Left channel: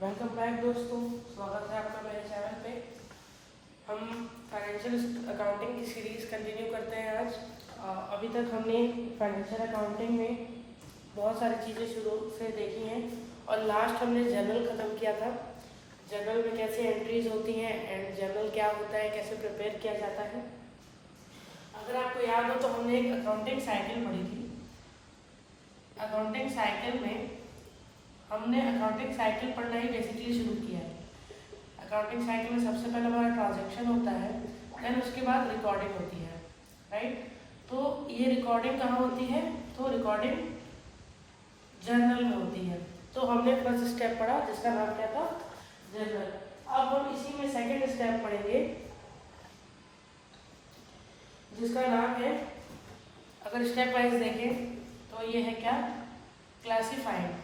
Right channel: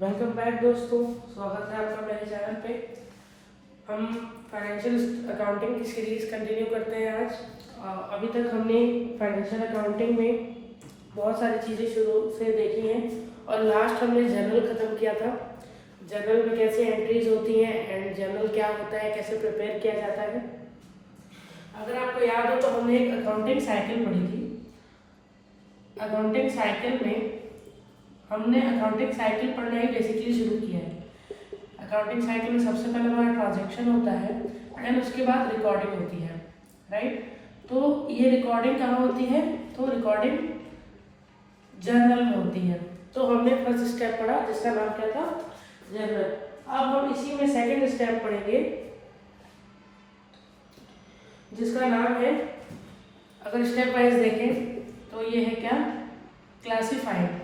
Welcome back दोस्तों, स्वागत है आपका मेरे चैनल पे। हम फाइनेंशियल अकाउंटिंग की सीरीज़ कंटिन्यू करते हैं आज। अभी तक हमने फाइनेंशियल अकाउंटिंग में बहुत सारी चीज़ें शुरू से देखी हैं और लास्ट हमने जर्नल ख़त्म किया था। जर्नल में कैसे एंट्रीज होती हैं एंड जर्नल क्या होता है, कैसे प्रिपेयर किया जाता है। अगर आपको याद हो तो हमने एक अकाउंटिंग साइकिल पढ़ी थी। अकाउंटिंग साइकिल में हमने अकाउंटिंग साइकिल पढ़ना ही बेसिकली शुरू किया है। अकाउंटिंग साइकिल में सबसे पहले हमारा ट्रांजैक्शन होता है एंड उसके बाद रिकॉर्डिंग होती है, राइट। तो ये रिकॉर्डिंग कहाँ होती है? तो रिकॉर्डिंग जर्नल में होती है। तो हमने फर्स्ट स्टेप पढ़ा जिसका नाम क्या था? जर्नल। अब हम इसी में सेकंड स्टेप पढ़ेंगे जिसका नाम है, अगर स्टेप वाइज देखें तो ये है क्या? क्लासिफाइड।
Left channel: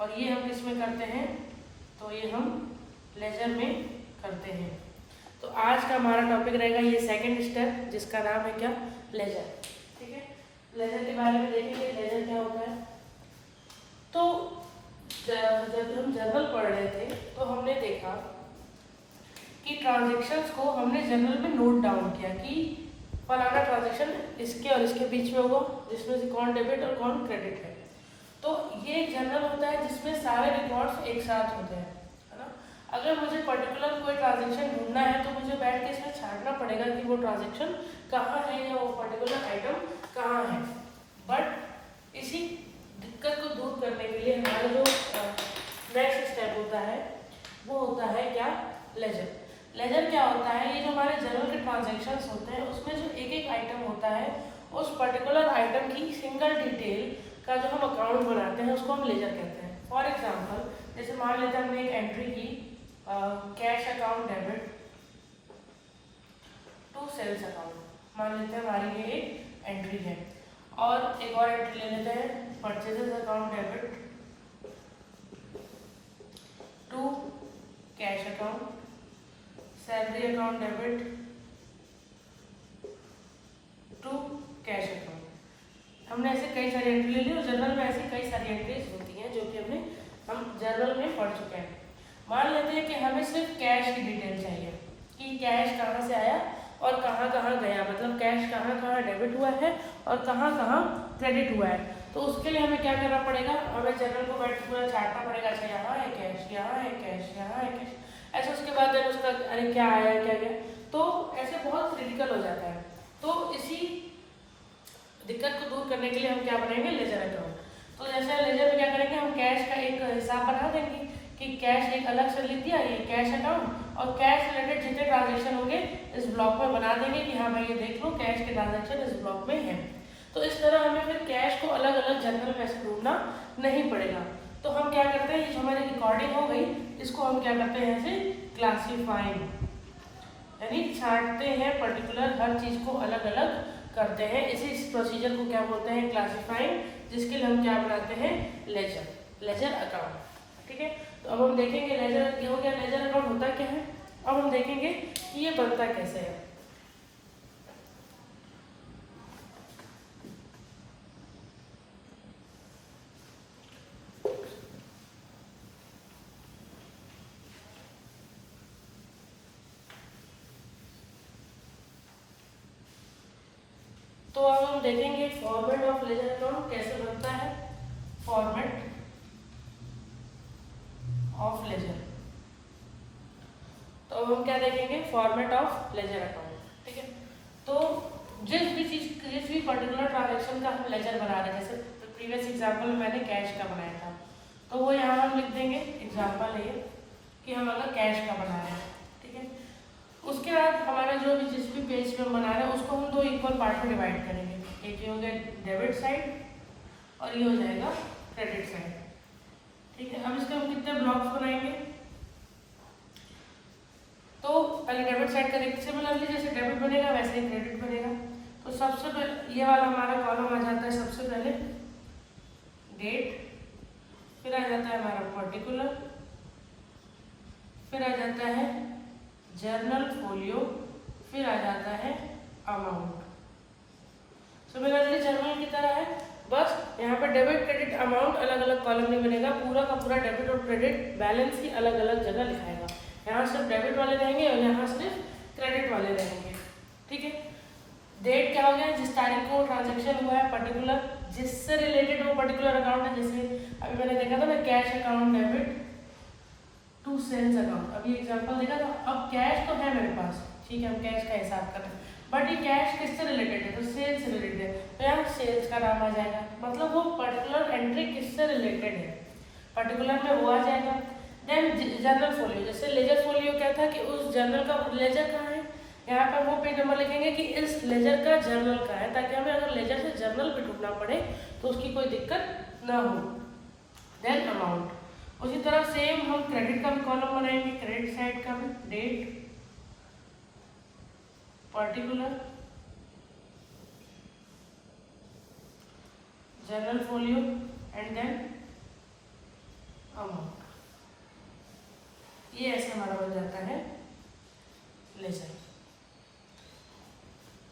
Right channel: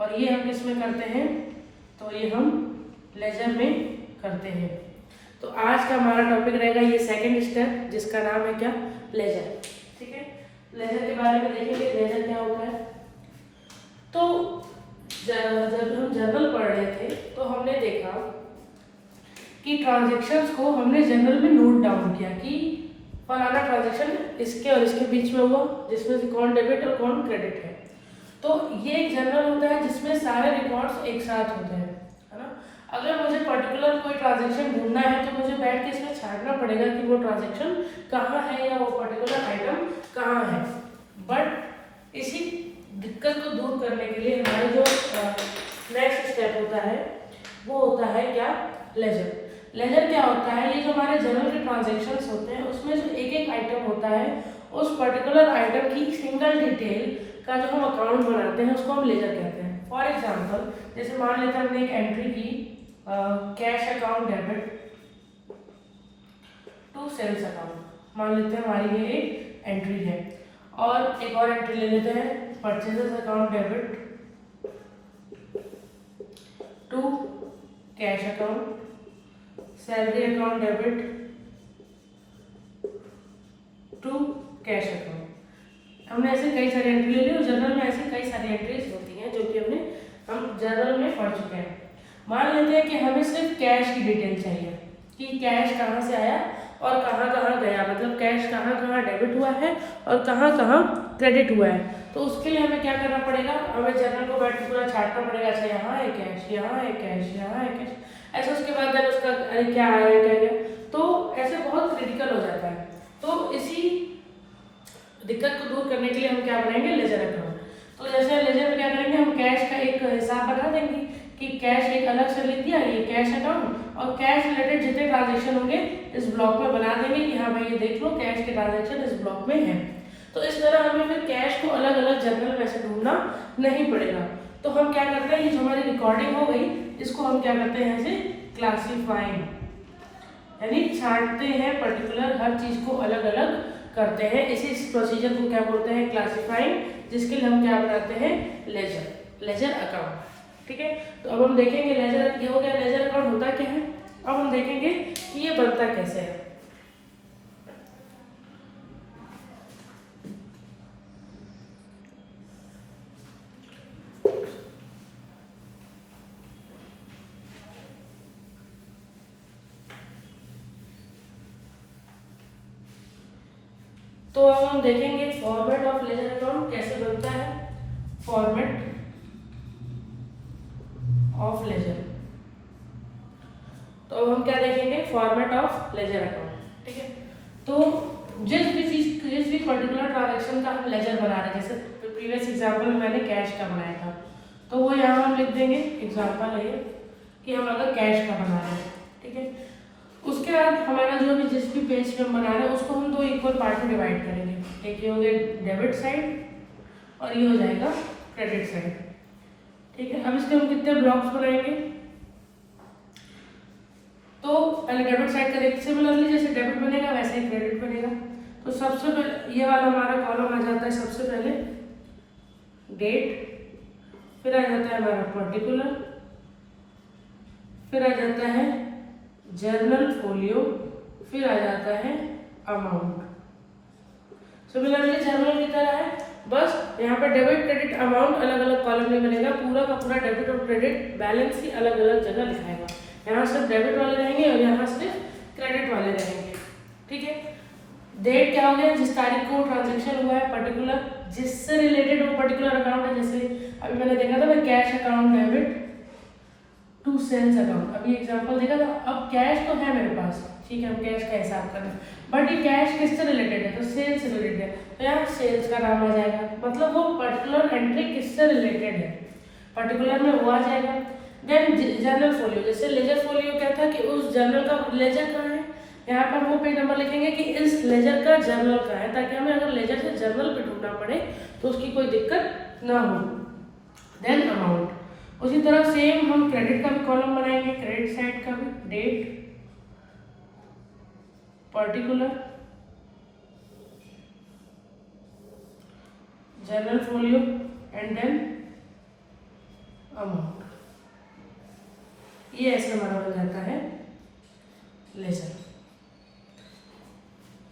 और ये हम किस में करते हैं? तो ये हम लेजर में करते हैं। तो आज का हमारा टॉपिक रहेगा ये सेकंड स्टेप जिसका नाम है क्या? लेजर। ठीक है, लेजर के बारे में देखेंगे लेजर क्या होता है। तो जब हम जर्नल पढ़ रहे थे तो हमने देखा कि ट्रांजैक्शंस को हमने जर्नल में नोट डाउन किया कि फलाना ट्रांजैक्शन इसके और इसके बीच में हुआ जिसमें से कौन डेबिट और कौन क्रेडिट है। तो ये एक जर्नल होता है जिसमें सारे रिकॉर्ड्स एक साथ होते हैं, है ना। अगर मुझे पर्टिकुलर कोई ट्रांजैक्शन ढूंढना है तो मुझे बैठ के इसमें छांटना पड़ेगा कि वो ट्रांजैक्शन कहाँ है या वो पर्टिकुलर आइटम कहाँ है। बट इसी दिक्कत को दूर करने के लिए हमारे जो नेक्स्ट स्टेप होता है वो होता है क्या? लेजर। लेजर क्या होता है? ये जो हमारे जर्नल के ट्रांजैक्शंस होते हैं उसमें जो एक एक आइटम होता है उस पर्टिकुलर आइटम की सिंगल डिटेल का जो हम अकाउंट बनाते हैं उसको हम लेजर कहते हैं। फॉर एग्जांपल जैसे मान लेते हैं हमने एक एंट्री की cash account debit to sales account, मान लेते हैं हमारी ये एक एंट्री है। और एक और एंट्री ले लेते हैं purchases account debit to cash account, salary account debit to cash account. हमने ऐसे कई सारी एंट्री ले ली और जर्नल में ऐसी कई सारी एंट्रीज होती हैं जो कि हम जर्नल में पढ़ चुके हैं। मान लेते हैं कि हमें सिर्फ कैश की डिटेल चाहिए कि कैश कहाँ से आया और कहाँ कहाँ गया, मतलब कैश कहाँ कहाँ डेबिट हुआ है और कहाँ कहाँ क्रेडिट हुआ है। तो उसके लिए हमें क्या करना पड़ेगा? हमें जर्नल को बैठ के पूरा छाटना पड़ेगा। अच्छा यहाँ है कैश, यहाँ है कैश, यहाँ है कैश, ऐसे। उसके बाद जब उसका अरे क्या आया क्या गया, तो ऐसे बहुत क्रिटिकल हो जाता है। तो इसी दिक्कत को दूर करने के लिए हम क्या बनाएंगे? Ledger account. तो जैसे लेजर में क्या करेंगे? हम कैश का एक हिसाब बना देंगे कि कैश एक अलग से लिख दिया, ये कैश अकाउंट, और कैश रिलेटेड जितने ट्रांजैक्शन होंगे इस ब्लॉक में बना देंगे कि हाँ भाई ये देख लो कैश के ट्रांजैक्शन इस ब्लॉक में है। तो इस तरह हमें फिर कैश को अलग अलग जर्नल में से ढूंढना नहीं पड़ेगा। तो हम क्या करते हैं, ये जो हमारी रिकॉर्डिंग हो गई इसको हम क्या करते हैं? ऐसे क्लासीफाइंग, यानी छांटते हैं, पर्टिकुलर हर चीज को अलग अलग करते हैं। इसी प्रोसीजर को क्या बोलते हैं? क्लासिफाइंग, जिसके लिए हम क्या बनाते हैं? Ledger, ledger account. ठीक है, तो अब हम देखेंगे लेजर, ये हो गया लेजर अकाउंट होता क्या है। अब हम देखेंगे कि ये बनता कैसे है। तो अब हम देखेंगे फॉर्मेट ऑफ लेजर अकाउंट कैसे बनता है। फॉर्मेट ऑफ लेजर, तो अब हम क्या देखेंगे? Format of laser account. ठीक है, तो जिस भी पर्टिकुलर ट्रांजैक्शन का हम लेजर बना रहे हैं, जैसे प्रीवियस एग्जांपल में मैंने कैश का बनाया था, तो वो यहाँ हम लिख देंगे एग्जांपल है कि हम अगर कैश का बना रहे हैं। ठीक है, उसके बाद हमारा जो भी जिस भी पेज पे हम बना रहे हैं उसको हम दो इक्वल पार्ट में डिवाइड करेंगे। एक ये हो गया डेबिट साइड और ये हो जाएगा क्रेडिट साइड। ठीक है, अब इसके हम कितने ब्लॉक्स बनाएंगे? तो पहले डेबिट साइड का देखते सिमिलरली जैसे डेबिट बनेगा वैसे ही क्रेडिट बनेगा। तो सबसे पहले ये वाला हमारा कॉलम आ जाता है, सबसे पहले डेट, फिर आ जाता है हमारा पर्टिकुलर, फिर आ जाता है जर्नल फोलियो, फिर आ जाता है अमाउंट। सिमिलरली जर्नल की तरह है बस यहाँ पे डेबिट क्रेडिट अमाउंट अलग अलग कॉलम में बनेगा, पूरा का पूरा डेबिट और क्रेडिट बैलेंस ही अलग अलग जगह लिखाएगा। यहाँ सिर्फ डेबिट वाले रहेंगे और यहाँ सिर्फ क्रेडिट वाले रहेंगे। ठीक है, डेट क्या हो गया, जिस तारीख को ट्रांजेक्शन हुआ है पर्टिकुलर, जिससे रिलेटेड वो पर्टिकुलर अकाउंट है। जैसे अभी मैंने देखा था ना, cash account debit to sales account, अभी एग्जांपल देखा था। अब कैश तो है मेरे पास, ठीक है, हम कैश का हिसाब कर रहे हैं, बट ये कैश किससे रिलेटेड है, तो सेल्स से रिलेटेड है, तो यहाँ सेल्स का नाम आ जाएगा। मतलब वो पर्टिकुलर एंट्री किससे रिलेटेड है, पर्टिकुलर में वो आ जाएगा। देन जर्नल फोलियो, जैसे लेजर फोलियो क्या था कि उस जर्नल का लेजर कहाँ है, यहाँ पर वो पेज नंबर लिखेंगे कि इस लेजर का जर्नल का है, ताकि हमें अगर लेजर से जर्नल पे ढूंढना पड़े तो उसकी कोई दिक्कत ना हो। देन अमाउंट, उसी तरह सेम हम क्रेडिट का भी कॉलम बनाएंगे, क्रेडिट साइड का भी, date, particular, journal folio and then amount. ये ऐसे हमारा बन जाता है लेजर।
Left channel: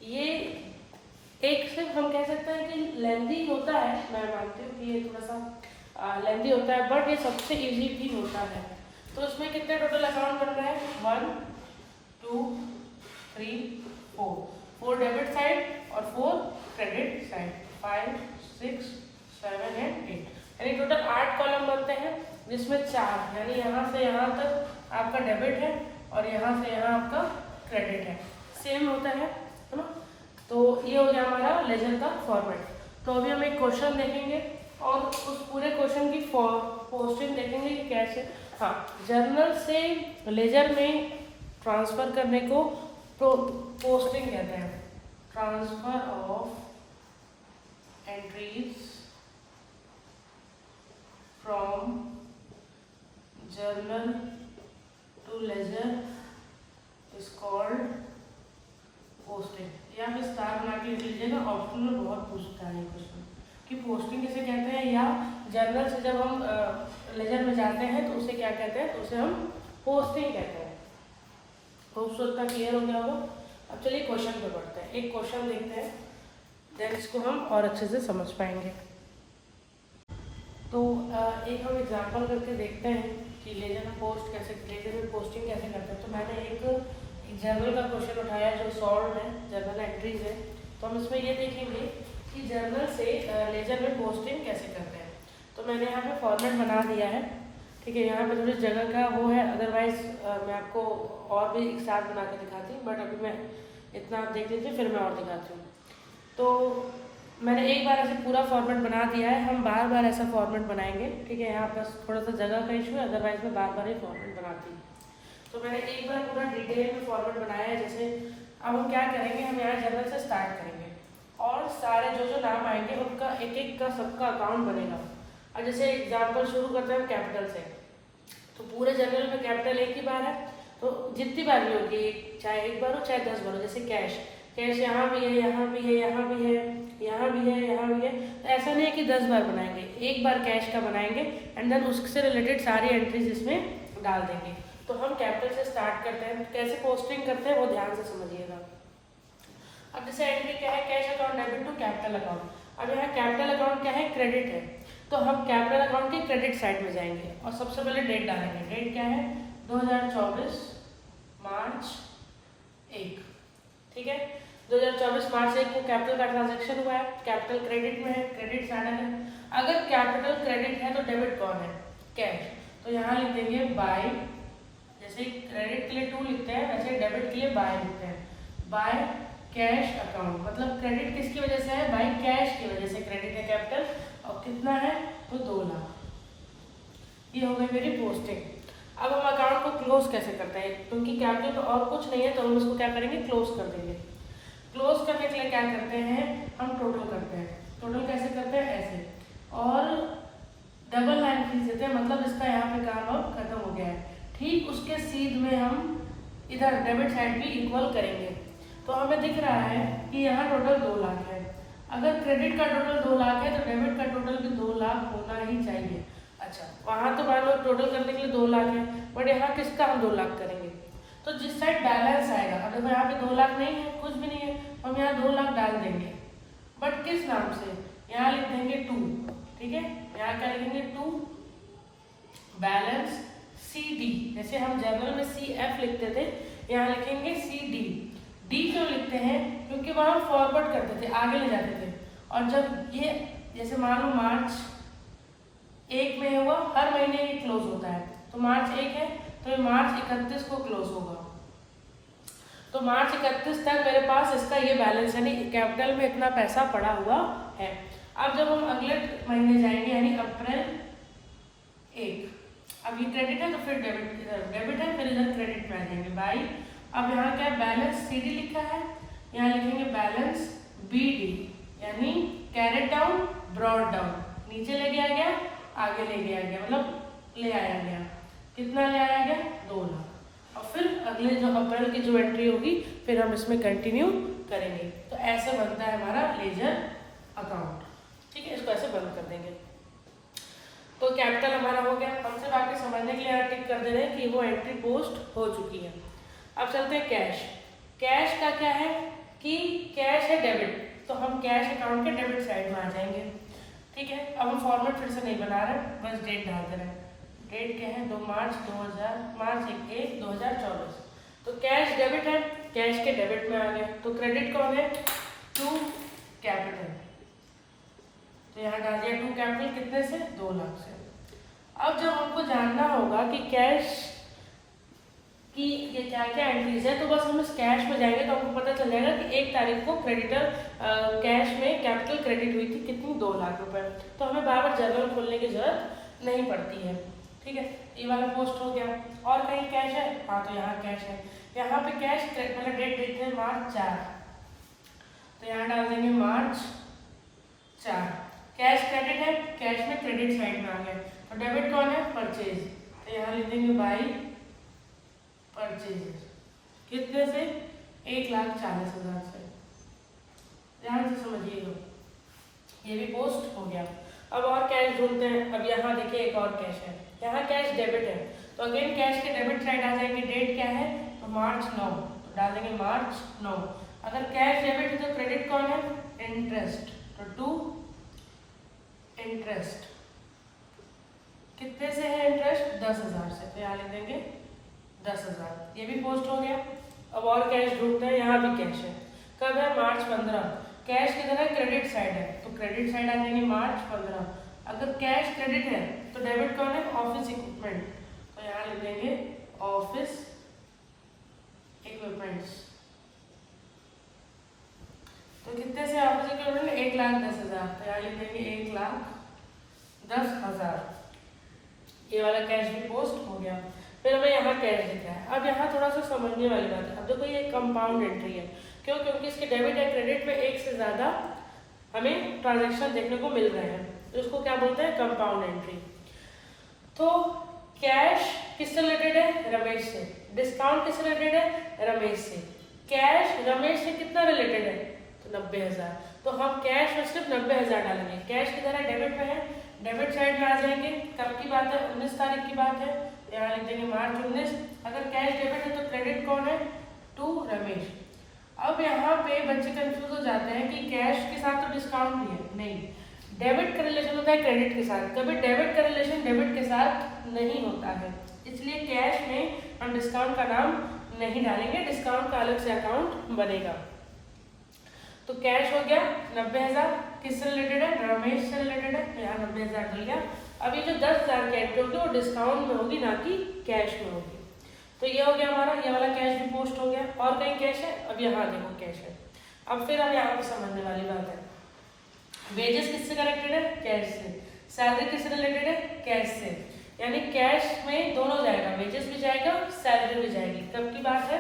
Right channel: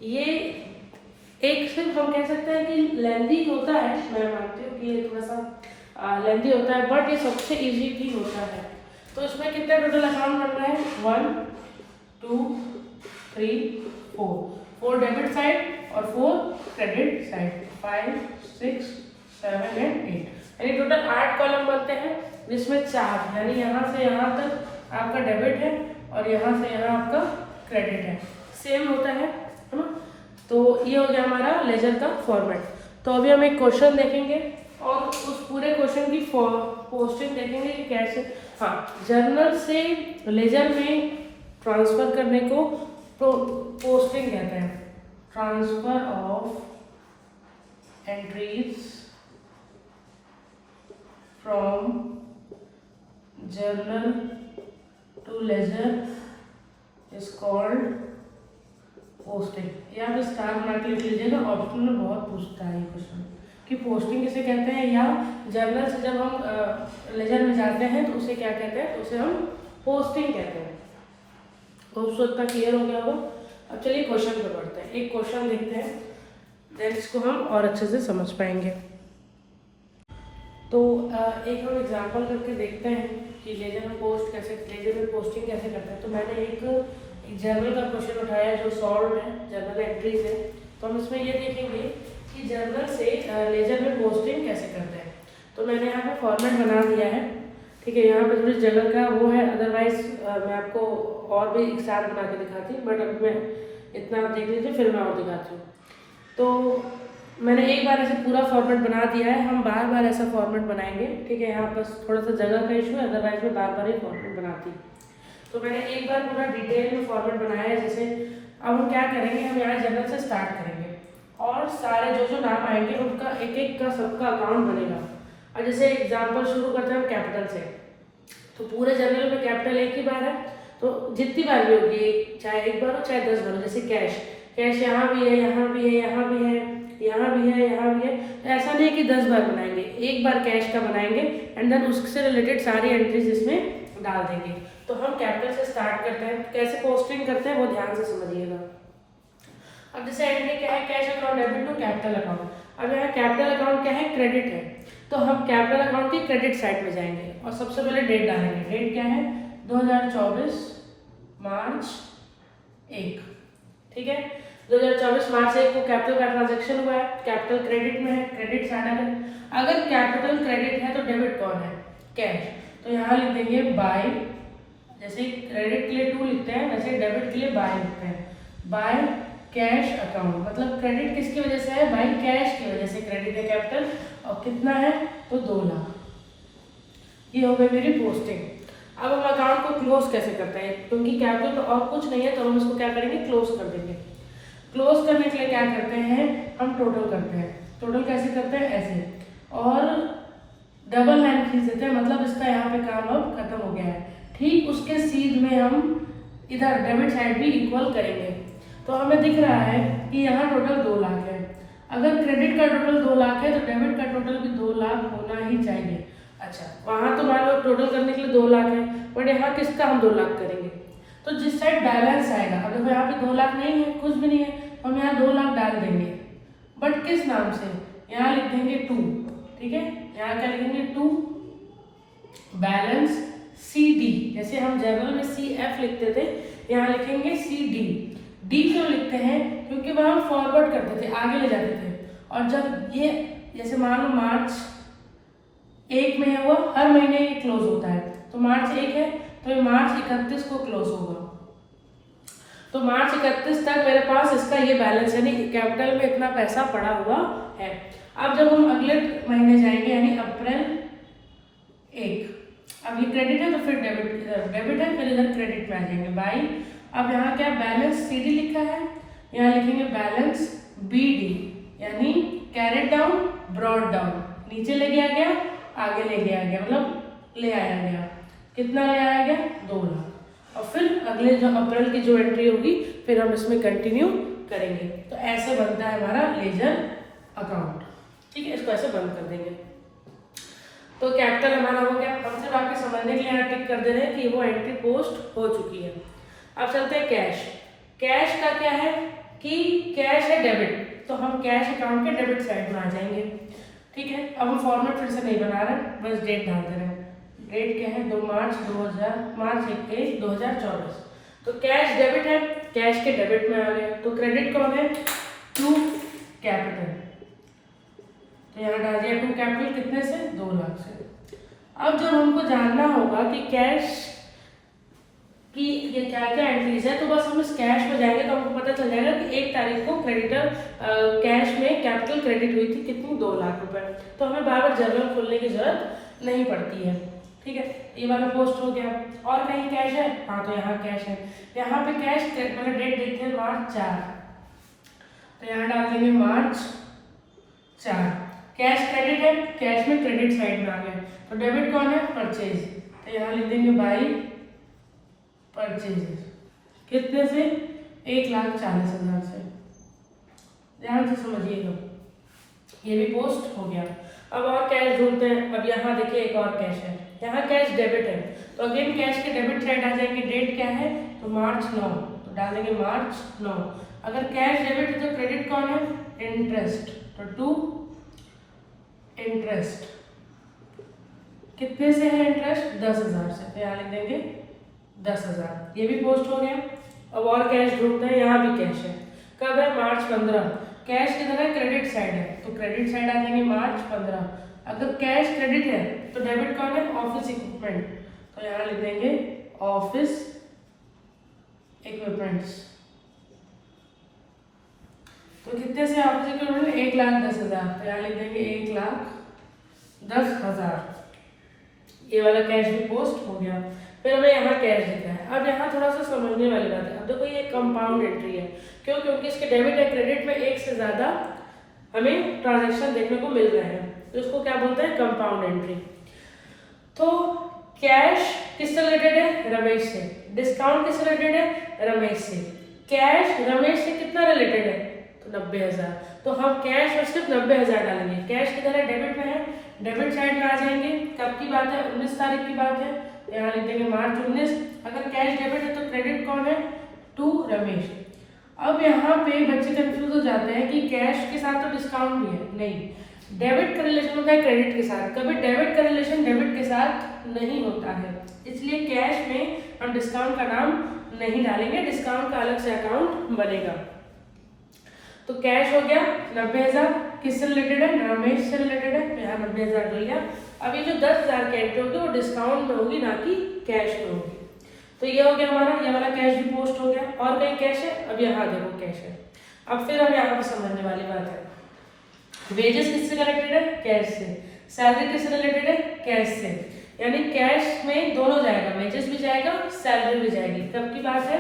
ये एक सिर्फ हम कह सकते हैं कि लेंदी होता है, मैं मानती हूँ कि ये थोड़ा सा लेंदी होता है, बट ये सबसे इजी भी होता है। तो इसमें कितना टोटल अकाउंट बन रहा है, 1 2 3 4 डेबिट साइड और 4 क्रेडिट साइड, 5 6 7 एंड 8, यानी टोटल 8 कॉलम बनते हैं, जिसमें 4 यानी यहाँ से यहाँ तक आपका डेबिट है और यहाँ से यहाँ आपका क्रेडिट है, सेम होता है ना। तो ये हो गया हमारा लेजर का फॉर्मेट। तो अभी हम एक क्वेश्चन देखेंगे और उस पूरे क्वेश्चन की पोस्टिंग देखेंगे कि कैसे, हाँ, जर्नल से लेजर में ट्रांसफर करने को पोस्टिंग कहते हैं, transfer of entries from journal to ledger is called posting. यहाँ पे स्टार बना के लिख लीजिएगा, ऑप्शन में बहुत पूछता है ये क्वेश्चन कि पोस्टिंग किसे कहते हैं, या जर्नल से जब हम लेजर में जाते हैं तो उसे क्या कहते हैं, तो उसे हम पोस्टिंग कहते हैं। तो उसको इतना क्लियर हो गया होगा। अब चलिए क्वेश्चन पे बढ़ते हैं, एक क्वेश्चन देखते हैं, देन इसको हम और अच्छे से समझ पाएंगे। तो एक हम एग्जाम्पल करके देखते हैं कि लेजर में लेजर में पोस्टिंग कैसे करते हैं। तो मैंने एक जर्नल का क्वेश्चन उठाया जो सॉल्व है जर्नल एंट्री से। तो हम इसमें ये देखेंगे कि जर्नल से लेजर में पोस्टिंग कैसे करते हैं। तो मैंने यहाँ पे फॉर्मेट बना दिया है, ठीक है, यहाँ पे थोड़ी जगह का वो है, अदरवाइज मैं आपको और भी एक साथ बना के दिखाती हूँ, बट अब मैं इतना आप देख लीजिए फिर मैं और दिखाती हूँ। तो मैंने एक बार ऐसे पूरा फॉर्मेट बना दिया है, हम बार बार ऐसा फॉर्मेट बनाएंगे, ठीक है, यहाँ पर थोड़ा सा जगह का इशू है, अदरवाइज मैं बार बार ही फॉर्मेट बनाती हूँ। तो मैंने एक बार पूरा डिटेल में फॉर्मेट बनाया है। जैसे अब हम क्या करेंगे, हम यहाँ जर्नल से स्टार्ट करेंगे और सारे जो जो नाम आएंगे उनका एक एक का सबका अकाउंट बनेगा। और जैसे एग्जाम्पल शुरू करते हैं हम कैपिटल से, तो पूरे जर्नल में कैपिटल एक ही बार है, तो जितनी बार भी होगी, चाहे एक बार हो चाहे 10 बार हो। जैसे कैश यहाँ भी है, यहाँ भी है, यहाँ भी है, यहाँ भी है, यहाँ भी है, ऐसा नहीं है कि 10 बार बनाएंगे, एक बार कैश का बनाएंगे एंड देन उससे रिलेटेड सारी एंट्रीज इसमें डाल देंगे। तो हम कैपिटल से स्टार्ट करते हैं, कैसे पोस्टिंग करते हैं वो ध्यान से समझिएगा। अब जैसे एंट्री क्या है, cash account debit to capital account. अब यहाँ कैपिटल अकाउंट क्या है, क्रेडिट है, तो हम कैपिटल अकाउंट की क्रेडिट साइड में जाएंगे और सबसे पहले डेट डालेंगे। डेट क्या है, 2024 मार्च 1, ठीक है, 2024 मार्च 1 को कैपिटल का ट्रांजेक्शन हुआ है, कैपिटल क्रेडिट में है, क्रेडिट साइड है। अगर कैपिटल क्रेडिट है तो डेबिट कौन है, कैश, तो यहाँ लिख देंगे बाय, जैसे क्रेडिट के लिए 2 लिखते हैं वैसे डेबिट के लिए बाय लिखते हैं, बाय कैश अकाउंट। मतलब क्रेडिट किसकी वजह से है, बाय कैश की वजह से क्रेडिट है कैपिटल, और कितना है तो 2 लाख। ये हो गई मेरी पोस्टिंग। अब हम अकाउंट को क्लोज कैसे करते हैं, क्योंकि कैपिटल और कुछ नहीं है तो हम इसको क्या करेंगे, क्लोज कर देंगे। क्लोज करने के लिए क्या करते हैं, हम टोटल करते हैं। टोटल कैसे करते हैं, ऐसे, और डबल लाइन खींच देते हैं, मतलब इसका यहाँ पे काम अब खत्म हो गया है। ठीक उसके सीध में हम इधर डेबिट साइड भी इक्वल करेंगे, तो हमें दिख रहा है कि यहाँ टोटल 2 लाख है। अगर क्रेडिट का टोटल 2 लाख है तो डेबिट का टोटल भी 2 लाख होना ही चाहिए। अच्छा, वहाँ तो मान लो टोटल करने के लिए 2 लाख है, बट यहाँ किसका हम 2 लाख करेंगे, तो जिस साइड बैलेंस आएगा, अगर यहाँ पे 2 लाख नहीं है, कुछ भी नहीं है, हम यहाँ 2 लाख डाल देंगे, बट किस नाम से, यहाँ लिख देंगे 2, ठीक है। यहाँ क्या लिखेंगे 2 बैलेंस सी डी, जैसे हम जनरल में सी एफ लिखते थे, यहाँ लिखेंगे सी डी। डी क्यों लिखते हैं? क्योंकि वह हम फॉरवर्ड करते थे, आगे ले जाते थे। और जब ये जैसे मान लो मार्च 1 में है, वो हर महीने ये क्लोज होता है, तो मार्च 1 है तो ये मार्च 31 को क्लोज होगा। तो मार्च 31 तक मेरे पास इसका ये बैलेंस यानी कैपिटल में इतना पैसा पड़ा हुआ है। अब जब हम अगले महीने जाएंगे यानी अप्रैल 1, अब ये क्रेडिट है तो फिर डेबिट है, फिर इधर क्रेडिट में आ जाएंगे बाई। अब यहाँ क्या बैलेंस सी डी लिखा है, यहाँ लिखेंगे बैलेंस बी डी, यानी कैरेट डाउन ब्रॉड डाउन, नीचे ले गया गया आगे ले गया गया, मतलब ले आया गया। कितना ले आया गया? 2 लाख। और फिर अगले जो अप्रैल की जो एंट्री होगी फिर हम इसमें कंटिन्यू करेंगे। तो ऐसे बनता है हमारा लेजर अकाउंट, ठीक है। इसको ऐसे बंद कर देंगे। तो कैपिटल हमारा हो गया। हम सिर्फ आपके समझने के लिए यहाँ टिक कर दे रहे हैं कि वो एंट्री पोस्ट हो चुकी है। अब चलते हैं कैश। कैश का क्या है कि कैश है डेबिट, तो हम कैश अकाउंट के डेबिट साइड में आ जाएंगे, ठीक है। अब हम फॉर्मेट फिर से नहीं बना रहे, बस डेट डाल दे रहे हैं। डेट क्या है? 2 मार्च 2024। तो कैश डेबिट है, कैश के डेबिट में आ गए। तो क्रेडिट कौन है? टू कैपिटल, तो यहाँ डाल दिया 2 कैपिटल, कितने से? 2 लाख से। अब जब हमको जानना होगा कि कैश कि ये क्या क्या एंट्रीज है, तो बस हम इस कैश में जाएंगे तो हमको पता चल जाएगा कि 1 तारीख को क्रेडिटर कैश में कैपिटल क्रेडिट हुई थी, कितनी? 2 लाख रुपए। तो हमें बार बार जर्नल खोलने की जरूरत नहीं पड़ती है, ठीक है। ये वाला पोस्ट हो गया। और कहीं कैश है? हाँ, तो यहाँ कैश है। यहाँ पे कैश मैंने डेट देखते हैं मार्च 4, तो यहाँ डाल देंगे मार्च 4। कैश क्रेडिट है, कैश में क्रेडिट साइड में आ गए। तो डेबिट कौन है? परचेज, तो यहाँ लिख देंगे बाई परचेजेस, कितने से? 1,40,000 से। ध्यान से समझिएगा, ये भी पोस्ट हो गया। अब और कैश ढूंढते हैं। अब यहाँ देखिए एक और कैश है, यहाँ कैश डेबिट है, तो अगेन कैश के डेबिट साइड आ जाएगी। डेट क्या है? तो मार्च 9, तो डालेंगे मार्च 9। अगर कैश डेबिट है तो क्रेडिट कौन है? इंटरेस्ट, तो टू इंटरेस्ट, कितने से है इंटरेस्ट? 10,000 से, तो यहाँ लिख देंगे 10,000। ये भी पोस्ट हो गया। अब और कैश ढूंढते हैं। यहाँ भी कैश है, कब है? मार्च 15। कैश किधर है? क्रेडिट साइड है, तो क्रेडिट साइड आ जाएंगे मार्च 15। अगर कैश क्रेडिट है तो डेबिट कौन है? ऑफिस इक्विपमेंट, तो यहाँ लिख देंगे ऑफिस इक्विपमेंट्स। तो कितने से ऑफिस इक्विपमेंट? 1,10,000, तो यहाँ लिख देंगे 1,10,000। ये वाला कैश भी पोस्ट हो गया। फिर हमें यहाँ कैश दिखा है। अब यहाँ थोड़ा सा समझने वाली बात है। अब देखो ये कंपाउंड एंट्री है, क्यों? क्योंकि इसके डेबिट या क्रेडिट में एक से ज्यादा हमें ट्रांजैक्शन देखने को मिल रहे हैं, तो इसको क्या बोलते हैं? Compound entry. तो कैश किससे रिलेटेड है? रमेश से। डिस्काउंट किससे रिलेटेड है? रमेश से। कैश रमेश से कितना रिलेटेड है? तो 90,000। तो हम कैश और सिर्फ 90,000 डालेंगे। कैश किधर है? डेबिट में है, डेबिट साइड में आ जाएंगे। कब की बात है? 19 तारीख की बात है, यहाँ लिख देंगे मार्च 19। अगर कैश डेबिट है तो क्रेडिट कौन है? टू रमेश। अब यहाँ पे बच्चे कंफ्यूज हो जाते हैं कि कैश के साथ तो डिस्काउंट भी है, नहीं, डेबिट का रिलेशन होता है क्रेडिट के साथ, कभी डेबिट का रिलेशन डेबिट के साथ नहीं होता है। इसलिए कैश में हम डिस्काउंट का नाम नहीं डालेंगे, डिस्काउंट का अलग से अकाउंट बनेगा। तो कैश हो गया 90,000, किससे रिलेटेड है? रमेश से रिलेटेड है, यहाँ 90,000 डल गया। अब ये जो 10,000 की एंट्री होगी वो डिस्काउंट में होगी, ना कि कैश में होगी। तो ये हो गया हमारा, ये वाला कैश भी पोस्ट हो गया। और कहीं कैश है? अब यहाँ देखो कैश है। अब फिर हम यहाँ पे समझने वाली बात है, वेजेस किससे कनेक्टेड है? कैश से। सैलरी किससे रिलेटेड है? कैश से। यानी कैश में दोनों जाएगा, वेजेस भी जाएगा, सैलरी भी जाएगी। कब की बात है?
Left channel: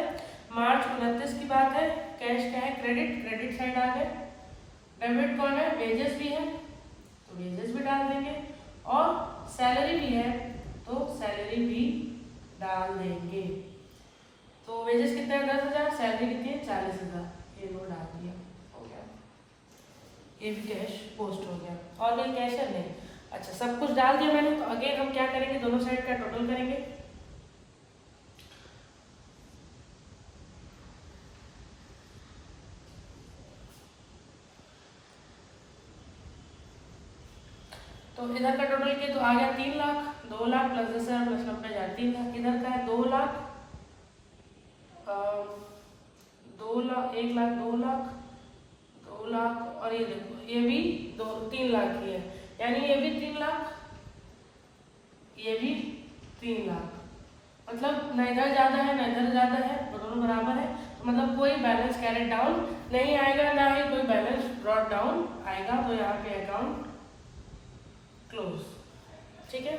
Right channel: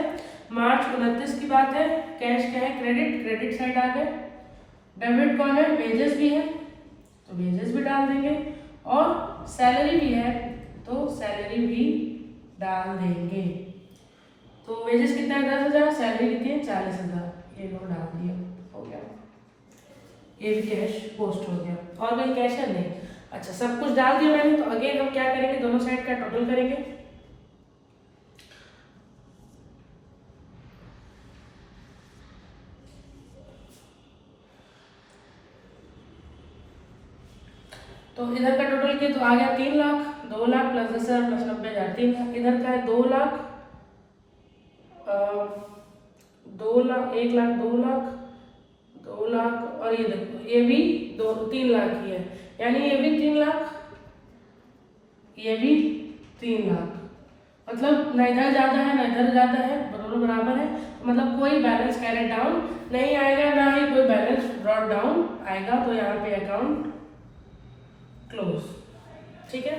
मार्च 29 की बात है। कैश क्या है? क्रेडिट, क्रेडिट साइड आ गए। डेबिट कौन है? वेजेस भी है, तो वेजेस भी डाल देंगे, और सैलरी भी है तो सैलरी भी डाल देंगे। तो वेजेस कितना है? 10,000, सैलरी कितनी है? 40,000, ये लोग डाल दिया, हो गया। ये भी कैश पोस्ट हो गया। और भी कैश है? नहीं। अच्छा, सब कुछ डाल दिया मैंने। तो अगेन हम क्या करेंगे? दोनों साइड का टोटल करेंगे। तो इधर का टोटल किया तो आ गया 3 लाख, 2 लाख प्लस 10,000 प्लस 90,000 3 लाख। इधर का है 2 लाख, 2 लाख, 1 लाख, 2 लाख, 2 लाख, और ये देखो ये भी 3 लाख की है, यानी ये भी 3 लाख, ये भी 3 लाख। मतलब न इधर ज़्यादा है न इधर ज़्यादा है, दोनों बराबर है। मतलब कोई बैलेंस कैरेट डाउन नहीं आएगा, ना ही कोई बैलेंस ब्रॉट डाउन आएगा। तो यहाँ पे अकाउंट क्लोज। ठीक है,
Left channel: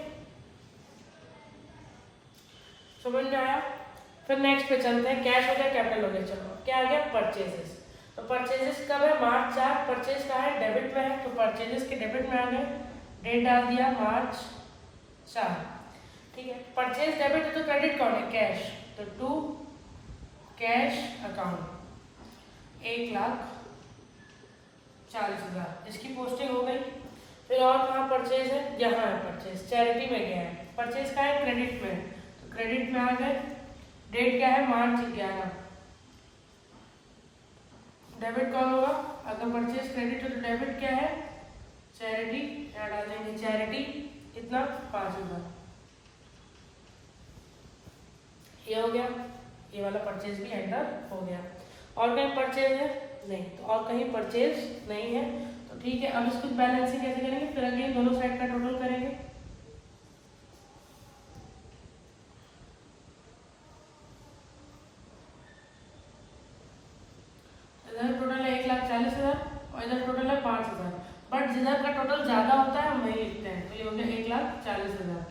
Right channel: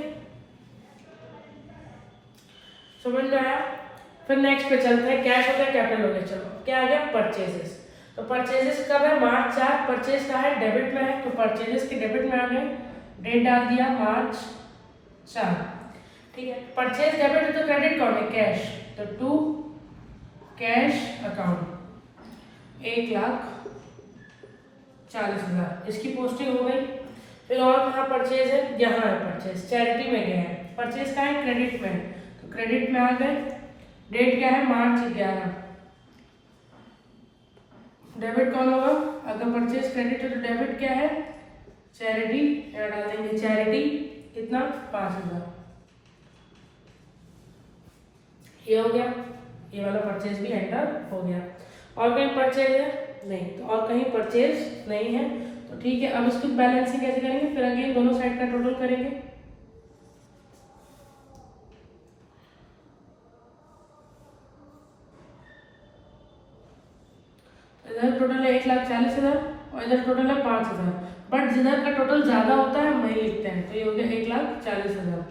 समझ में आया। फिर नेक्स्ट पे चलते हैं, कैश हो गया, कैपिटल हो गया। चलो क्या आ गया, परचेजेस। तो परचेजेस कब है, मार्च 4, परचेज का है डेबिट में है, तो परचेजेस के डेबिट में आ गया, डेट डाल दिया मार्च 4। ठीक है, परचेज डेबिट तो क्रेडिट कौन है, कैश, तो टू कैश अकाउंट 1,40,000 इसकी पोस्टिंग हो गई। फिर और कहाँ परचेज है, यहाँ है परचेज, चैरिटी में गया है, परचेज का है क्रेडिट में है, तो क्रेडिट में आ गए, डेट क्या है मार्च 11। डेबिट कौन होगा, अगर परचेज क्रेडिट है तो डेबिट क्या है, चैरिटी, क्या डाल देंगे चैरिटी, कितना 5,000। ये हो गया, ये वाला परचेज भी एंटर हो गया। और कहीं परचेज है नहीं, तो और कहीं परचेज नहीं है, तो ठीक है। अब इसको बैलेंसिंग कैसे करेंगे, फिर अगेन दोनों साइड का टोटल करेंगे। इधर टोटल है 1,40,000 और इधर टोटल है 5,000, बट जिधर का टोटल ज्यादा होता है वही लिखते हैं, तो ये हो गया 1,40,000।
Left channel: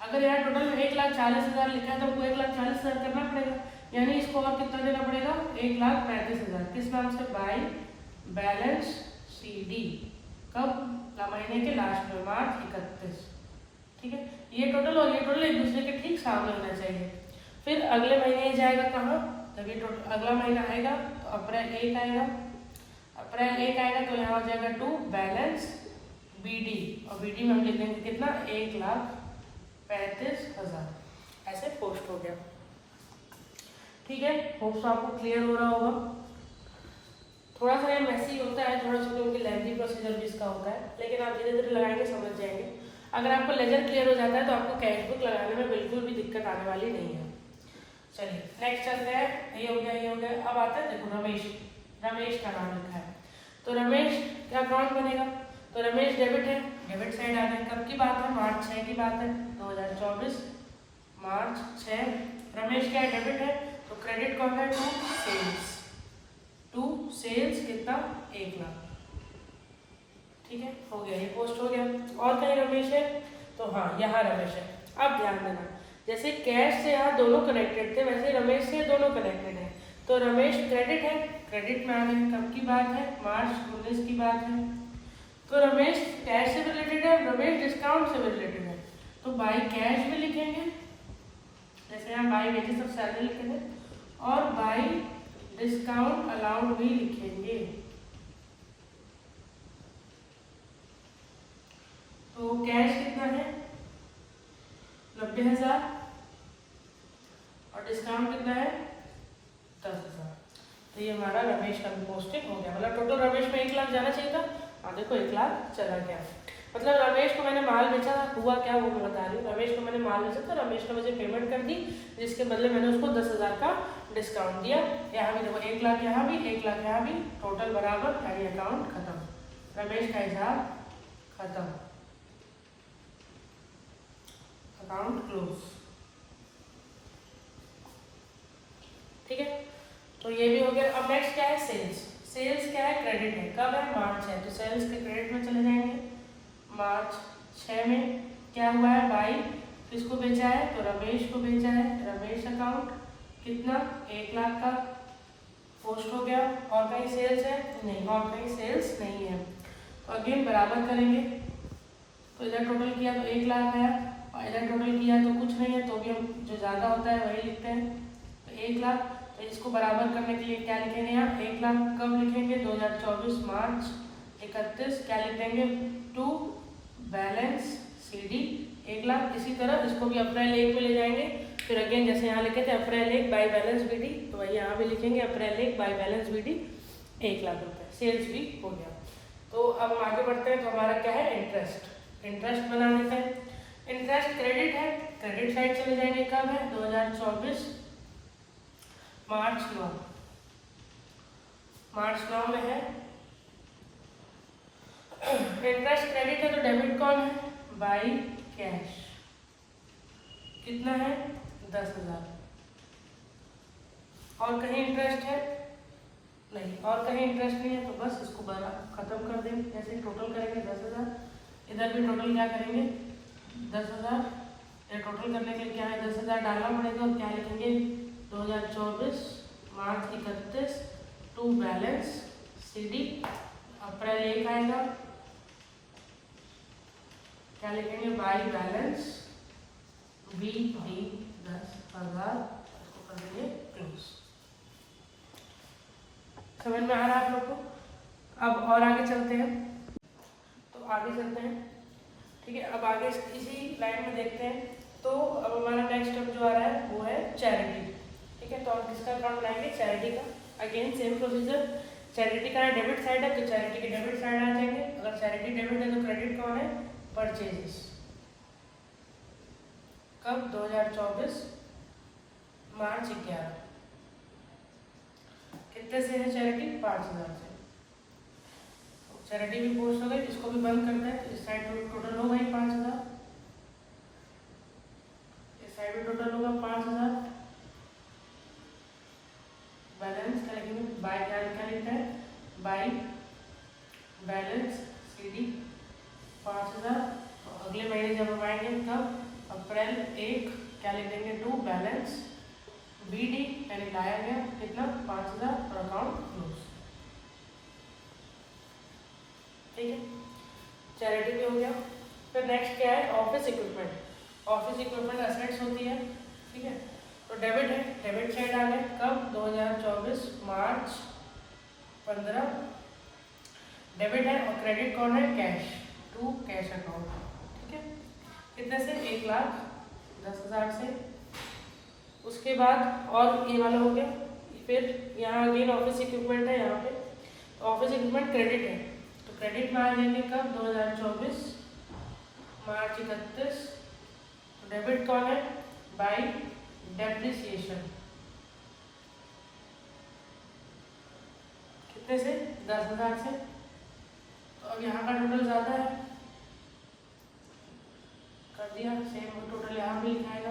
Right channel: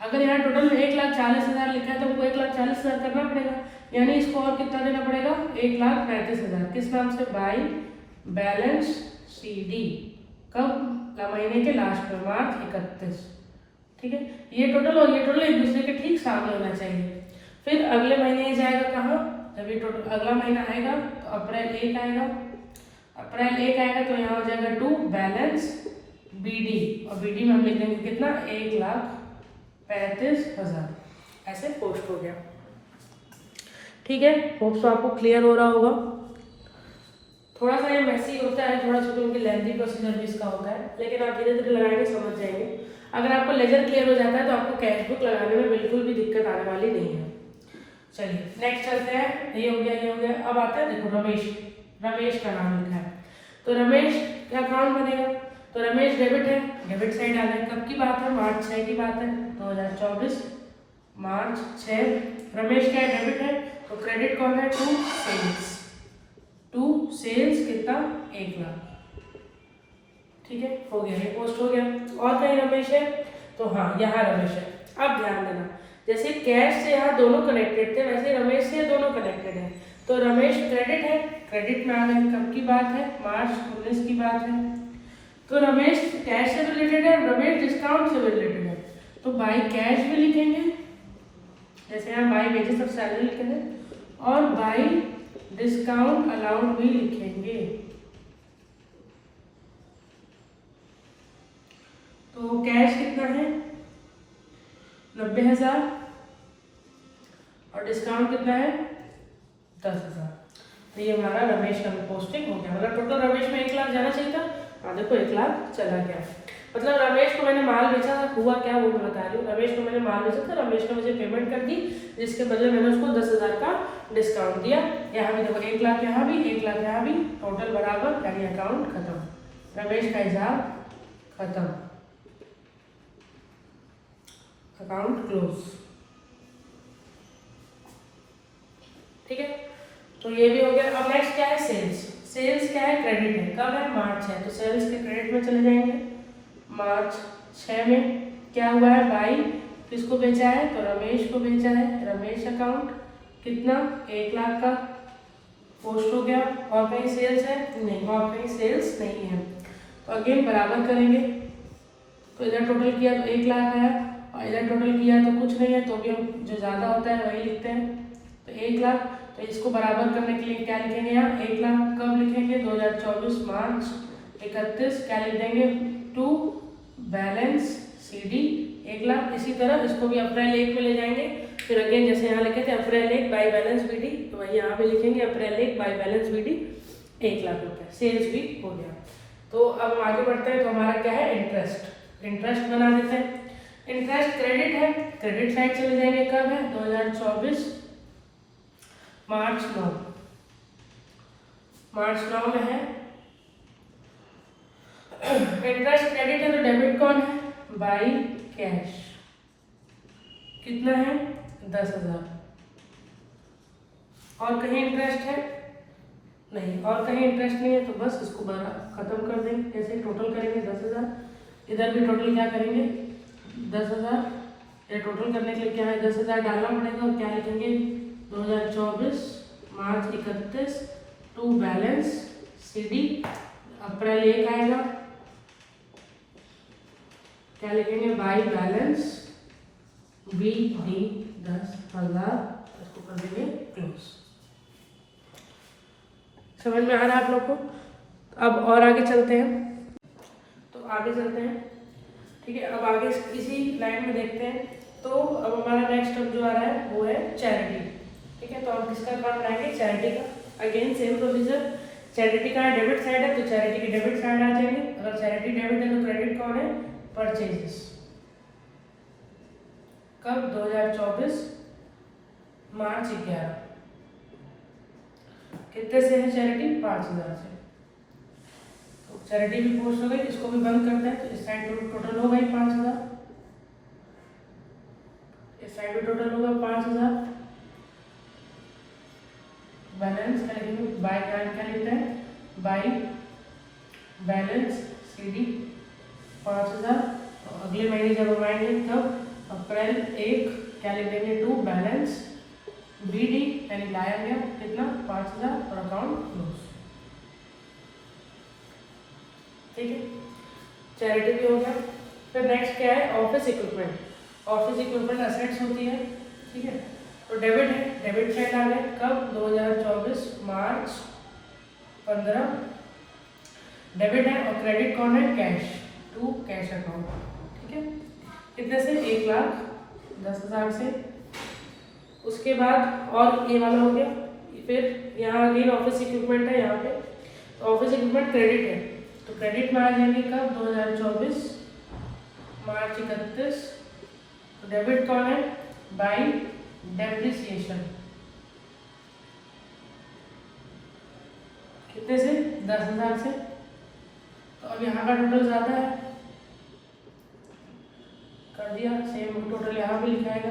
अगर यहाँ टोटल में 1,40,000 लिखा है तो हमको 1,40,000 करना पड़ेगा, यानी इसको और कितना देना पड़ेगा, 1,35,000। किस नाम से, बाई बैलेंस CD, कब, महीने के लास्ट में, मार्च 31। ठीक है, ये टोटल और ये टोटल एक दूसरे के ठीक सामने होना चाहिए। फिर अगले महीने ये जाएगा कहाँ, जब ये टोटल अगला महीना आएगा तो अप्रैल 1 आएगा, अप्रैल 1 आएगा तो यहाँ हो जाएगा टू बैलेंस BD, और BD में हम लिख देंगे कितना, 1,35,000, ऐसे पोस्ट हो गया। ठीक है, होप सो आपको क्लियर हो रहा होगा। थोड़ा सा ये मैसी होता है, थोड़ा सा उनकी लेंथी प्रोसीजर भी इसका होता है, लेकिन आप धीरे धीरे लगाएंगे समझ जाएंगे। अगर आपको लेजर क्लियर हो जाता है तो आपको कैश बुक लगाने में बिल्कुल भी दिक्कत आने वाली नहीं है। चलिए नेक्स्ट चलते हैं, ये हो गया, ये हो गया। अब आता है देखो रमेश, रमेश का नाम लिखा है, तो रमेश का अकाउंट बनेगा, तो रमेश डेबिट है, डेबिट साइड आ गया। कब की बात है, मार्च 6 की बात है, 2024 मार्च 6। रमेश क्या है, डेबिट है, तो क्रेडिट कौन है, टू सेल्स, टू सेल्स कितना, 1 लाख। ठीक है, हो गया, ये पोस्ट हो गया। और कहीं रमेश है, तो हाँ यहाँ रमेश है। अब ध्यान देना, जैसे कैश से यहाँ दोनों कनेक्टेड थे, वैसे रमेश से दोनों कनेक्टेड है। तो रमेश क्रेडिट है, क्रेडिट में आ गए, कब की बात है, मार्च 19 की बात है। तो रमेश कैश से भी रिलेटेड है, रमेश डिस्काउंट से भी रिलेटेड है, तो बाई कैश भी लिखेंगे, जैसे यहाँ बाई वेजेस ऑफ सैलरी लिखते हैं, और बाई डिस्काउंट अलाउंड भी लिखेंगे। तो कैश कितना है, 90,000, और डिस्काउंट कितना है, 10,000। तो ये हमारा रमेश का पोस्टिंग हो गया। मतलब टोटल रमेश में 1 लाख जाना चाहिए था, और देखो 1 लाख चला गया। मतलब रमेश को मैंने माल बेचा था, हुआ क्या वो मैं बता रही हूँ। रमेश को मैंने माल बेचा था, रमेश ने मुझे पेमेंट कर दी, जिसके बदले मैंने उसको 10,000 का डिस्काउंट दिया। यहाँ भी देखो 1 लाख, यहाँ भी 1 लाख, यहाँ भी, टोटल बराबर, यानी अकाउंट खत्म, रमेश का हिसाब खत्म, अकाउंट क्लोज। ठीक है, तो ये भी हो गया। अब नेक्स्ट क्या है, सेल्स। सेल्स क्या है, क्रेडिट है, कब है, मार्च है, तो सेल्स के क्रेडिट में चले जाएंगे। मार्च 6 में क्या हुआ है, बाई किसको बेचा है, तो रमेश को बेचा है, रमेश अकाउंट कितना, 1 लाख का पोस्ट हो गया। और कहीं सेल्स है नहीं, और कहीं सेल्स नहीं है, तो अगेन बराबर करेंगे। तो इधर टोटल किया तो 1 लाख है, और इधर टोटल किया तो कुछ नहीं है, तो भी हम जो ज़्यादा होता है वही लिखते हैं, तो 1 लाख। तो इसको बराबर करने के लिए क्या लिखेंगे, यहाँ 1 लाख कब लिखेंगे, 2024 मार्च 31, क्या लिखेंगे, टू बैलेंस CD 1 लाख। इसी तरह इसको भी अप्रैल 1 में ले जाएंगे, फिर अगेन जैसे यहाँ लिखे थे अप्रैल 1 बाई बैलेंस BD, तो वही यहाँ भी लिखेंगे अप्रैल 1 बाई बैलेंस BD 1 लाख रुपये। सेल्स भी हो गया। तो अब हम आगे बढ़ते हैं, तो हमारा क्या है, इंटरेस्ट। इंटरेस्ट बना देते हैं। इंटरेस्ट क्रेडिट है, क्रेडिट साइड चले जाएंगे, कब है 2024 मार्च 9 में है। इंटरेस्ट क्रेडिट है तो डेबिट कौन है, बाई कैश, कितना है 10,000। और कहीं इंटरेस्ट है नहीं, और कहीं इंटरेस्ट नहीं है तो बस इसको खत्म कर देंगे। कैसे टोटल करेंगे 10,000, इधर भी टोटल क्या करेंगे 10,000। ये टोटल करने के लिए क्या है 10,000 डालना पड़ेगा और क्या लिखेंगे 2024 मार्च 31 टू बैलेंस CD। अप्रैल 1 आएगा, क्या लिखेंगे बाई बैलेंस BD 10,000, इसको कर देंगे क्लोज। समझ में आ रहा है आप लोग को? अब और आगे चलते हैं, तो आगे चलते हैं, ठीक है। अब आगे इसी लाइन में देखते हैं। तो अब हमारा नेक्स्ट स्टेप जो आ रहा है वो है चैरिटी, ठीक है। तो हम किसका काम बनाएंगे, चैरिटी का। अगेन सेम प्रोसीजर, चैरिटी का डेबिट साइड है तो चैरिटी की डेबिट साइड आ जाएंगे। अगर चैरिटी डेबिट है तो क्रेडिट कौन है, परचेजेस, कब 2024 मार्च 11, कितने से है चैरिटी 5,000 से। तो चैरिटी भी पोस्ट हो गई, इसको भी बंद करते हैं। तो इस साइड टोटल हो गई 5,000, इस साइड भी टोटल होगा 5,000। बैलेंस क्या लिखेंगे, बाई क्या लिखता है बाई बैलेंस CD 5,000। तो अगले महीने जब हम आएंगे तब अप्रैल 1 क्या लिखेंगे टू बैलेंस BD, यानी लाया गया कितना 5,000 और अकाउंट क्लोज, ठीक है। चैरिटी भी हो गया। फिर नेक्स्ट क्या है, office equipment. Office equipment assets होती है, ठीक है। तो डेबिट है, डेबिट साइड आ गया, कब 2024 मार्च 15 डेबिट है। और क्रेडिट कौन है, कैश टू कैश अकाउंट, ठीक है। कितने से 1,10,000 से। उसके बाद और ये वाला हो गया। फिर यहाँ अगेन ऑफिस इक्विपमेंट है, यहाँ पे ऑफिस इक्विपमेंट क्रेडिट है तो क्रेडिट में आ जाएंगे कब 2024 मार्च 31। तो डेबिट कौन है, बाई डेप्रिसिएशन, कितने से 10,000 से। तो अब यहाँ का टोटल ज़्यादा है, कर दिया सेम टोटल यहाँ पे लिखाएगा।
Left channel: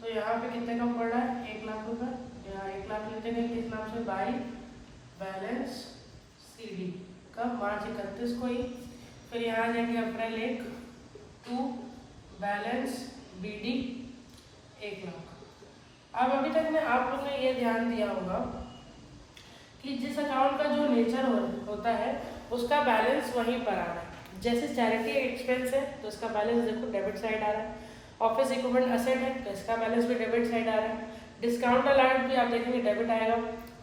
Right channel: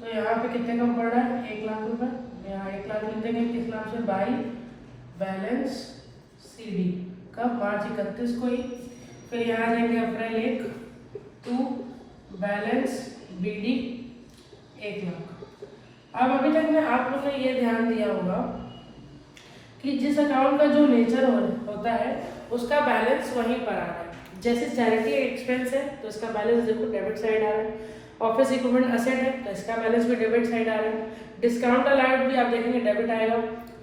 तो यहाँ पे कितने कम पड़ रहा है 1,00,000 रुपये। यहाँ 1,00,000 लिख देंगे किस नाम से, बाई बैलेंस CD, कब मार्च 31 को ही। फिर यहाँ आ जाएंगे अप्रैल 1 टू बैलेंस BD 1,00,000। अब अभी तक में आप लोगों ने ये ध्यान दिया होगा कि जिस अकाउंट का जो नेचर होता है उसका बैलेंस वहीं पर आ रहा है। जैसे चैरिटी एक्सपेंस है तो इसका बैलेंस देखो डेबिट साइड आ रहा है। ऑफिस इक्विपमेंट असेट है तो इसका बैलेंस भी डेबिट साइड आ रहा है। डिस्काउंट अलाउड भी आप देखेंगे डेबिट आएगा।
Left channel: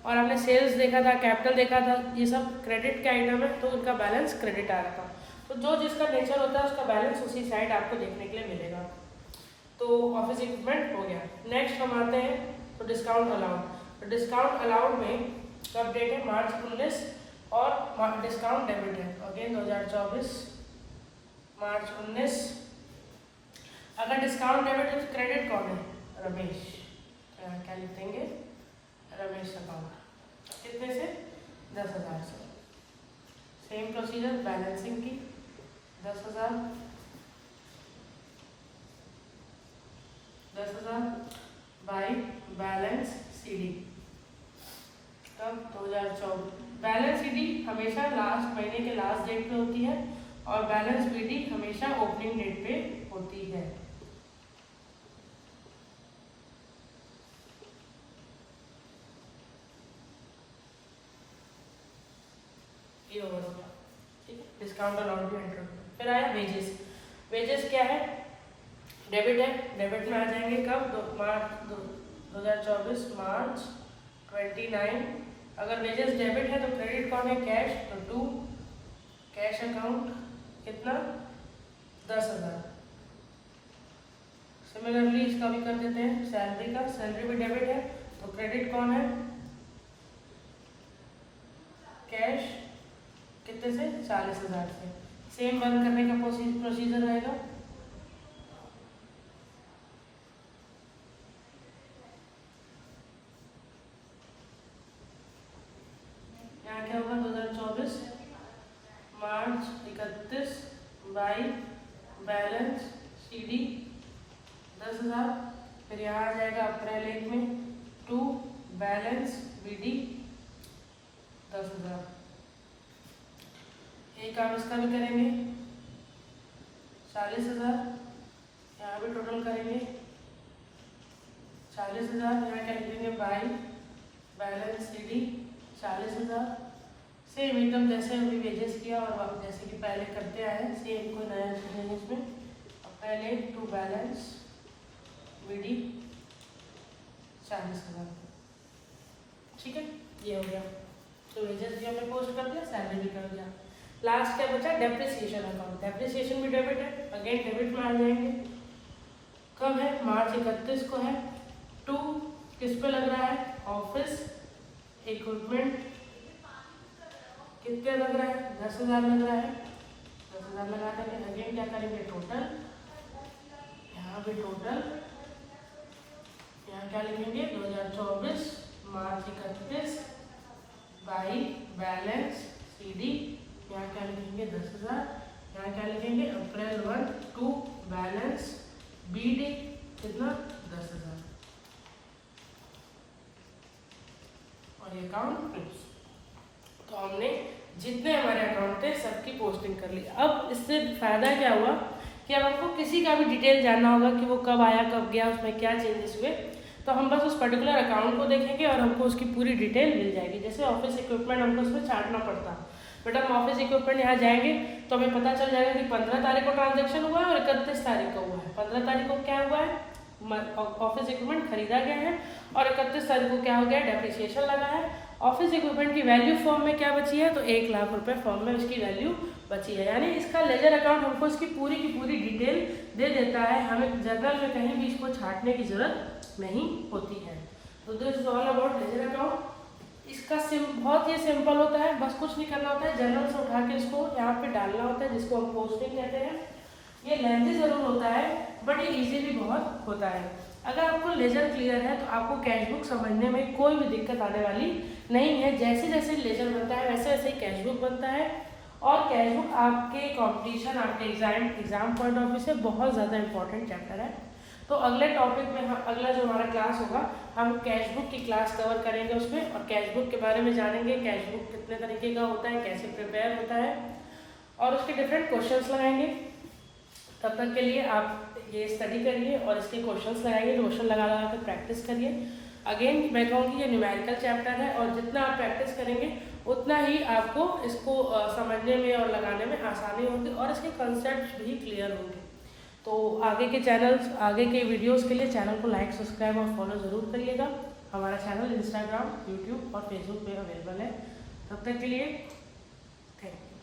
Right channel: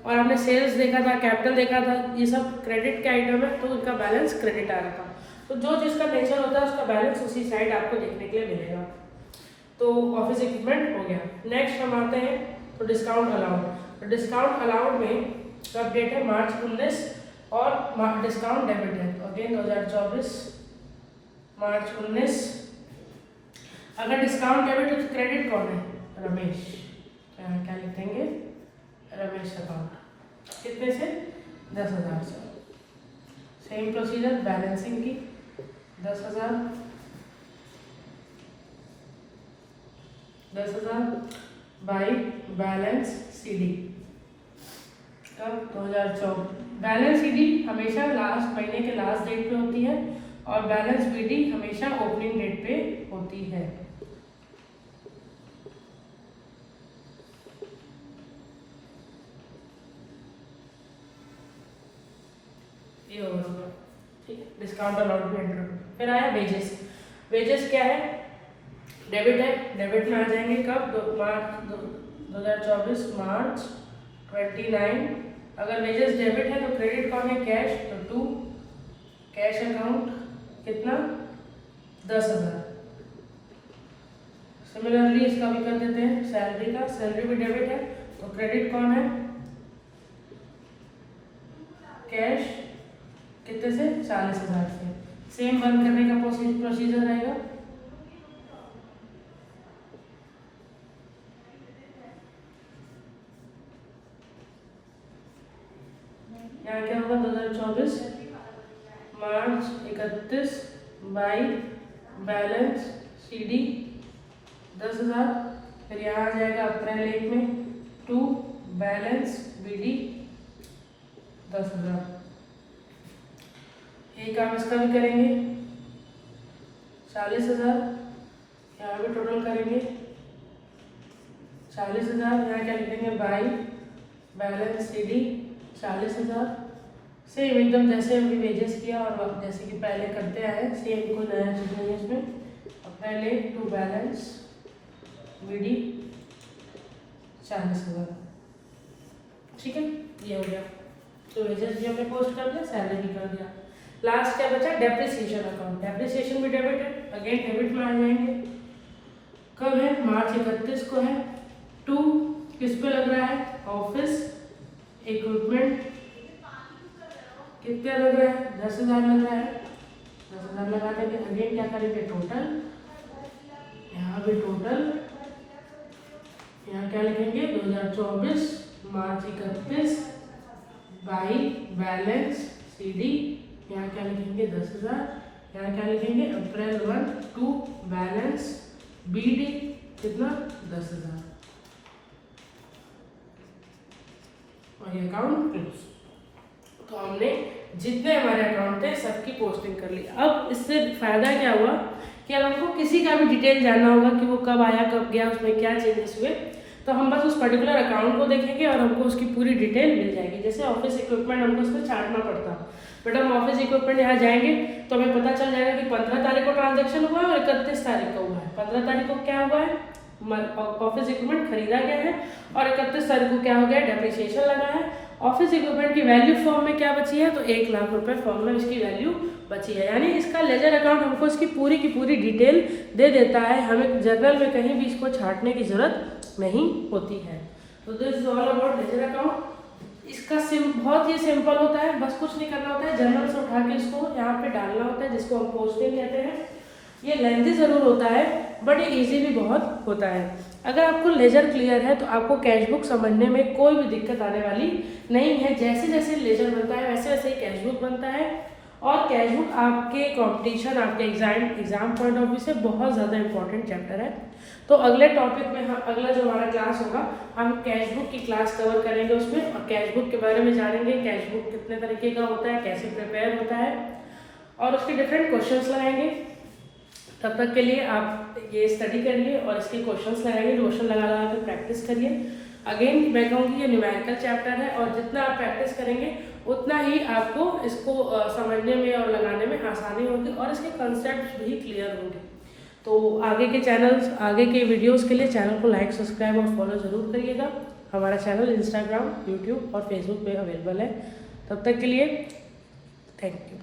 और हमने सेल्स देखा था, कैपिटल देखा था, ये सब क्रेडिट के आइटम है तो उनका बैलेंस क्रेडिट आ रहा था। तो जो जिसका नेचर होता है उसका बैलेंस उसी साइड आपको देखने के लिए मिलेगा। तो ऑफिस इक्विपमेंट हो गया। नेक्स्ट हम आते हैं तो डिस्काउंट अलाउड। तो डिस्काउंट अलाउड में कब डेट है मार्च 19 और डिस्काउंट डेबिट है अगेन 2024 मार्च 19। अगर डिस्काउंट डेबिट है तो क्रेडिट कौन है, रमेश, क्या लिखेंगे रमेश अकाउंट, कितने से 10,000 से। सेम प्रोसीजर बैलेंसिंग की 10,000 बाई बैलेंस CD, कब 2024। बैलेंस CD हमेशा लास्ट महीने के लास्ट डेट पे होती है और बैलेंस BD हमेशा ओपनिंग डेट पे होती है। ये होगा, ठीक। डिस्काउंट अलाउड भी एंटर। फिर आया वेजेस। वेजेस क्या है, डेबिट है, डेबिट में आ जाएंगे कब 2024 मार्च 29। अगर वेजेस डेबिट है तो क्रेडिट कौन है, कैश, तो टू कैश अकाउंट, कितना 10,000। सिमिलरली इसका भी कर देते हैं सैलरी का, सैलरी भी डेबिट है तो क्रेडिट कौन है कैश कितने से 40,000 से। सेम बंद करने का प्रोसीजर रहेगा। यहाँ क्या होगा 2024 मार्च 31 बाई बैलेंस CD 10,000। फिर यहाँ आ जाएगा अप्रैल 1 में 2 बैलेंस BD 10,000। ये काम इसका भी करेंगे 40,000। यहाँ भी टोटल करेंगे 40,000। यहाँ क्या लिखेंगे बाई बैलेंस CD 40,000। सेम एकदम जैसे अभी वेजेस किया और जैसे कि पहले करते आए सेम, कोई नया चीज नहीं है इसमें। अप्रैल 1 टू बैलेंस BD 40,000। ठीक है, ये हो गया। तो वेजेस भी हमने पोस्ट कर दिया, सैलरी भी कर दिया। लास्ट क्या बचा? Depreciation account. डेप्रिसिएशन भी डेबिट है, अगेन डेबिट में आ जाएंगे। कब है? मार्च 31 को है। 2 किस पे लग रहा है? Office equipment. कितने लग रहा है? 10,000 लग रहा है। 10,000 लगा देंगे। अगेन क्या करेंगे? टोटल। यहाँ भी टोटल। यहाँ क्या लिखेंगे? 2024 मार्च 31 बाई बैलेंस CD। यहाँ क्या लिखेंगे? 10,000। यहाँ क्या लिखेंगे? अप्रैल 1 टू बैलेंस BD कितना? 10,000। और ये अकाउंट क्लोज। तो हमने जितने हमारे अकाउंट थे सबकी पोस्टिंग कर ली। अब इससे फायदा क्या हुआ कि अगर हमको किसी का भी डिटेल जानना होगा कि वो कब आया कब गया, उसमें क्या चेंजेस हुए, तो हम बस उस पर्टिकुलर अकाउंट को देखेंगे और हमको उसकी पूरी डिटेल मिल जाएगी। जैसे ऑफिस इक्विपमेंट हमको उसमें छांटना पड़ता, बट हम ऑफिस इक्विपमेंट यहाँ जाएंगे तो हमें पता चल जाएगा कि 15 तारीख को ट्रांजेक्शन हुआ है और 31 तारीख को हुआ है। 15 तारीख को क्या हुआ है? ऑफिस इक्विपमेंट खरीदा गया है और 31 तारीख को क्या हो गया? डेप्रिसिएशन लगा है। ऑफिस इक्विपमेंट की वैल्यू फॉर्म में क्या बची है? तो 1 लाख रुपए फॉर्म में इसकी वैल्यू बची है। यानी इसका लेजर अकाउंट हमको इसकी पूरी की पूरी डिटेल दे देता है, हमें जर्नल में कहीं भी इसको छांटने की जरूरत नहीं होती है। तो this is all about ledger account. इसका बहुत ही सिंपल होता है, बस कुछ नहीं करना होता है, जर्नल से उठा के इसको यहाँ पे डालना होता है, जिसको हम पोस्टिंग कहते हैं। ये लेंथी जरूर होता है बट ये ईजी भी बहुत होता है। अगर आपको लेजर क्लियर है तो आपको कैश बुक समझने में कोई भी दिक्कत आने वाली नहीं है। जैसे जैसे लेजर बनता है वैसे वैसे ही कैश बुक बनता है। और कैश बुक आपके कंपटीशन, आपके एग्जाम पॉइंट ऑफ व्यू से बहुत ज़्यादा इंपॉर्टेंट चैप्टर है। तो अगले टॉपिक में हम अगला जो हमारा क्लास होगा हम कैश बुक की क्लास कवर करेंगे उसमें, और कैश बुक के बारे में जानेंगे। कैश बुक कितने तरीके का होता है, कैसे प्रिपेयर होता है और उसके डिफरेंट क्वेश्चंस लगाएंगे। तब तक के लिए आप ये स्टडी करिए और इसके क्वेश्चंस लगाइए, क्वेश्चन लगा कर प्रैक्टिस करिए। अगेन मैं कहूँगी ये न्यूमेरिकल चैप्टर है और जितना आप प्रैक्टिस करेंगे उतना ही आपको इसको समझने में और लगाने में आसानी होगी और इसके कंसेप्ट भी क्लियर होंगे। तो आगे के चैनल्स, आगे के वीडियोस के लिए चैनल को लाइक, सब्सक्राइब और फॉलो ज़रूर करिएगा। हमारा चैनल इंस्टाग्राम, यूट्यूब और फेसबुक पे अवेलेबल है। तब तक के लिए थैंक यू।